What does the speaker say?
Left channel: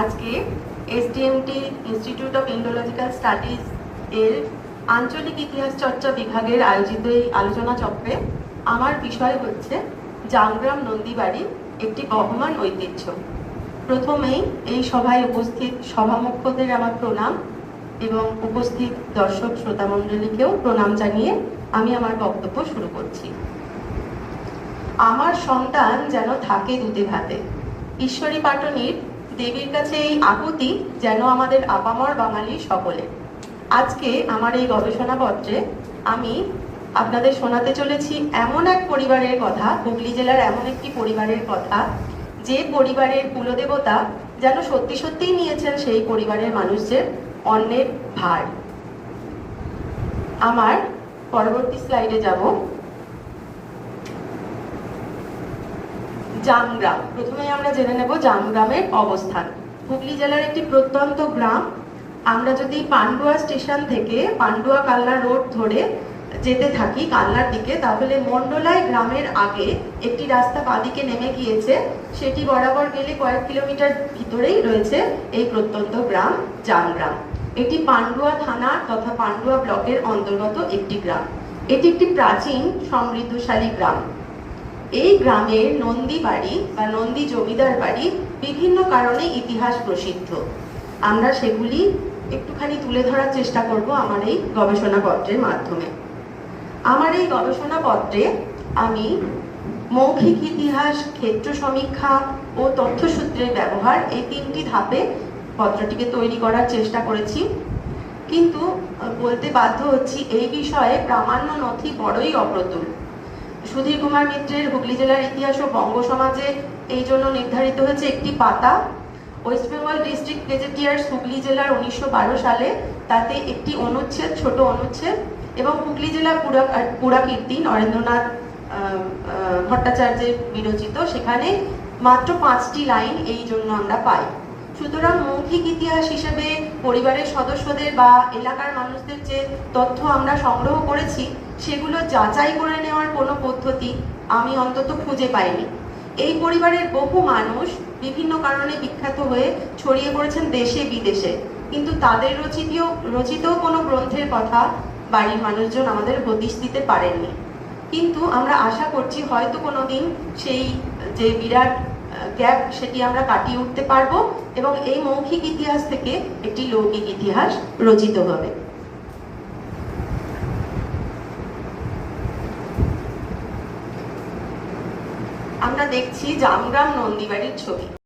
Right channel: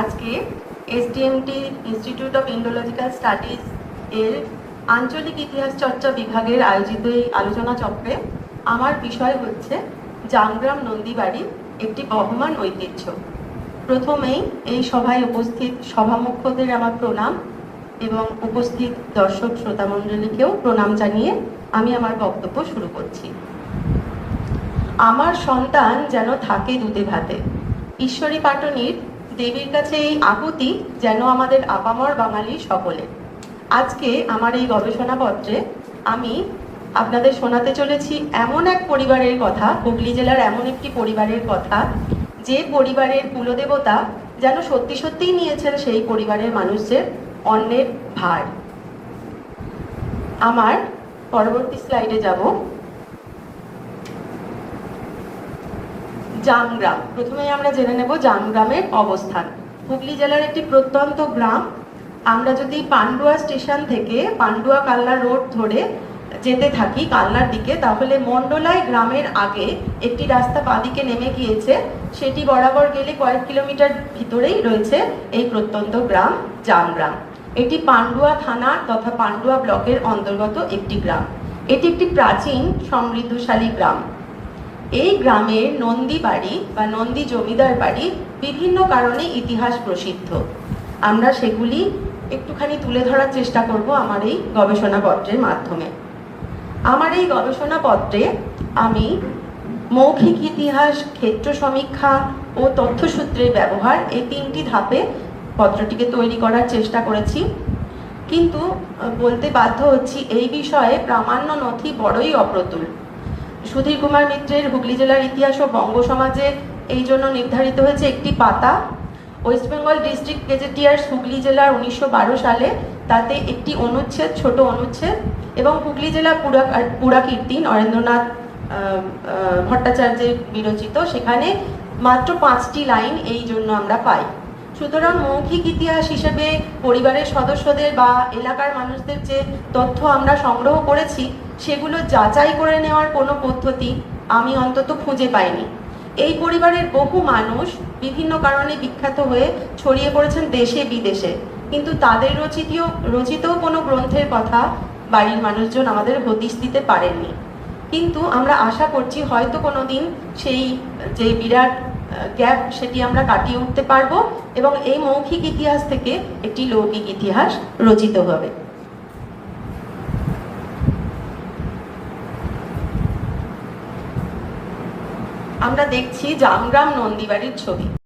আজকে SDMT institute of Indological studies এর আঞ্চলিক ইতিহাস চর্চা বিভাগের আয়োজিত এই আলোচনা চক্রে আমার বিষয় হচ্ছে জামগ্রাম নন্দীবাড়ি একটি বহমান ঐতিহ্য। প্রথমেই এই সভায় উপস্থিত সভামুখ্যদের আমার প্রণাম এবং উপস্থিত দর্শক শ্রোতা মণ্ডলীকেও প্রণাম জানিয়ে আমি আমার বক্তব্য শুরু করছি। আমার সন্তান যেন থাকে দুধে ভাতে ঈশ্বরী পাটনির দেবীর কাছে এই আকুতি যেন আমাদের আপামর বাঙালি সকলে। আজকে আমার এই গবেষণাপত্রে আমি আপনাদের শোনাতে চলেছি এমন এক পরিবারের কথা, হুগলি জেলার এমন একটি পরিবারের কথা, যে পরিবারের কুলদেবতা যেন সত্যি সত্যিই নিয়েছেন সেই পরিবারের মানুষদের অন্যের ভার। আমার পরবর্তী স্লাইডে যাব। জামগ্রাম। প্রথমেই আমরা জেনে নেব জামগ্রামের অবস্থান। হুগলি জেলার একটি প্রত্যন্ত গ্রাম। আমরা যদি পান্ডুয়া স্টেশন থেকে পান্ডুয়া কালনা রোড ধরে যেতে থাকি কালনার দিকে, তাহলে মন্ডলায় গ্রামের আগে একটি রাস্তা বাদিকে নেমে গিয়েছে। সেটি বরাবর গেলে কয়েক কিলোমিটার ভিতরেই রয়েছে এই প্রত্যন্ত গ্রাম জামগ্রাম। এটি পান্ডুয়া থানা তথা পান্ডুয়া ব্লকের অন্তর্গত একটি গ্রাম। এটি একটি প্রাচীন সমৃদ্ধশালী গ্রাম। এই গ্রামের নন্দী বাড়ি বা নন্দী জমিদার বাড়ি বিভিন্ন কারণে ইতিহাস প্রসিদ্ধ। আমরা সেগুলি একটুখানি তুলে ধরার চেষ্টা করব আমার এই গবেষণাপত্রের মাধ্যমে। আমার এই গবেষণাপত্রে আমি মৌখিক ইতিহাস, ক্ষেত্র সমীক্ষা ও তথ্যসূত্রের ব্যবহার এই তিনটি ধাপে পত্রটিকে তৈরি করার চেষ্টা করেছি। কিন্তু বলতে বাধ্য হচ্ছি এই বিষয়ে প্রামাণ্য নথি বড়ই অপ্রতুল। সুধীর কুমার মিত্রের হুগলি জেলার ইতিহাস ও বঙ্গ সমাজে এই জন্য নির্ধারিত হয়েছে একটি পাতা। West Bengal district gazetteers Hooghly জেলার উনিশশো বারো সালে তাতে একটি অনুচ্ছেদ, ছোট অনুচ্ছেদ এবং হুগলি জেলা পুরা পুরাকীর্তি নরেন্দ্রনাথ ভট্টাচার্যের বিরচিত। সেখানে মাত্র পাঁচটি লাইন এই জন্য আমরা পাই। সুতরাং মৌখিক ইতিহাস হিসেবে পরিবারের সদস্যদের বা এলাকার মানুষদের যে তথ্য আমরা সংগ্রহ করেছি, সেগুলো যাচাই করে নেওয়ার কোনো পদ্ধতি আমি অন্তত খুঁজে পাইনি। এই পরিবারের বহু মানুষ বিভিন্ন কারণে বিখ্যাত হয়ে ছড়িয়ে পড়েছেন দেশে বিদেশে। কিন্তু তাদের রচিত রচিত কোনো গ্রন্থের কথা বাড়ির মানুষজন আমাদের হদিশ দিতে পারেননি। কিন্তু আমরা আশা করছি হয়তো কোনোদিন সেই যে বিরাট গ্যাপ সেটি আমরা কাটিয়ে উঠতে পারব এবং এই মৌখিক ইতিহাস থেকে একটি লৌকিক ইতিহাস রচিত হবে। আমরা দেখছি জামগ্রাম নন্দীবাড়ির ছবি।